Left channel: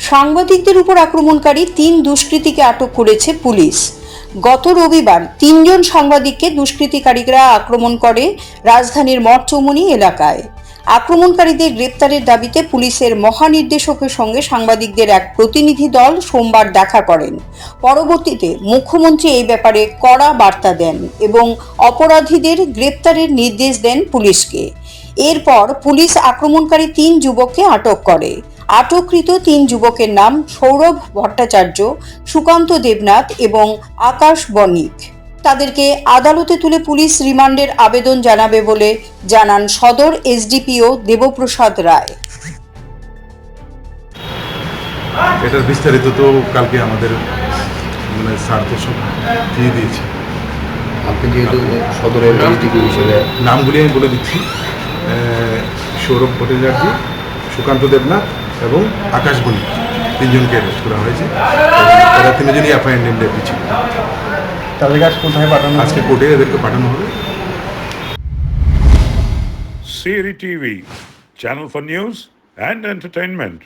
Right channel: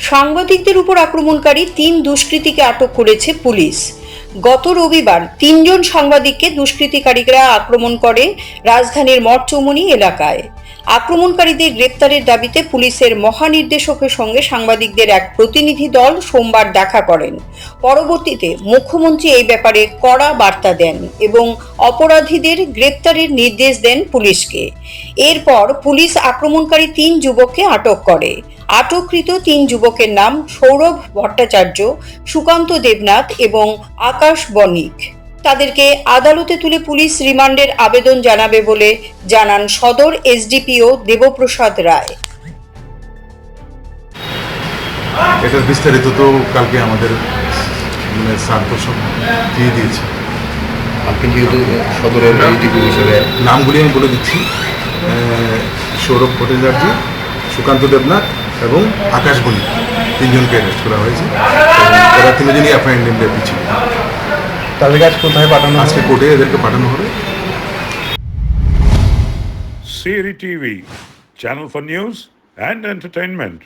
সাংবাদিকদের উপর আক্রমণকারী তিন দুষ্কৃতীকে আটক করেছে পুলিশ। গত রবিবার তিনজন সাংবাদিককে দুষ্কৃতিকারীরা আক্রমণ করে রাজধানীর মঠচৌমুনি এলাকায়। আক্রমণকারীদের গ্রেপ্তারের দাবিতে পুলিশের মহানির্দেশকের সঙ্গে সাংবাদিকদের এক প্রতিনিধি দল সোমবার দেখা করেন। পরবর্তীতে মুখ্যমন্ত্রী এই ব্যাপারে কড়া বার্তা দেন এবং অপরাধীদের গ্রেপ্তারের নির্দেশ দেন পুলিশকে। এরপর পুলিশ আক্রমণকারী তিন যুবককে আটক করে। আটককৃত তিন যুবকের নাম সৌরভ ভট্টাচার্য সুকান্ত দেবনাথ এবং আকাশ বণিক। তাদেরকে আদালতে তুলে পুলিশ রিমান্ডের আবেদন জানাবে বলে জানান সদর এসডিপিও দেবপ্রসাদ রায়। এটার বিস্তারিত তো কালকে আমাদের মানে স্যার দিয়ে দিয়েছে। আপনি যেহেতু সদরের হিসেবে নামগুলি আমি বলে দিচ্ছি। সৌরভ ভট্টাচার্য সুকান্ত দেবনাথ এবং আকাশ বণিক তিনজনকে অ্যারেস্ট করা হয়েছে। তারা তিনজনই অ্যাপয়েন্ট ইন্ডিয়া পিছিয়ে। তাদের কাছে কোথায় পাঠানো আজকে কোর্টে এদেরকে পাঠানো হবে। Siri TV channel for news and entertainment.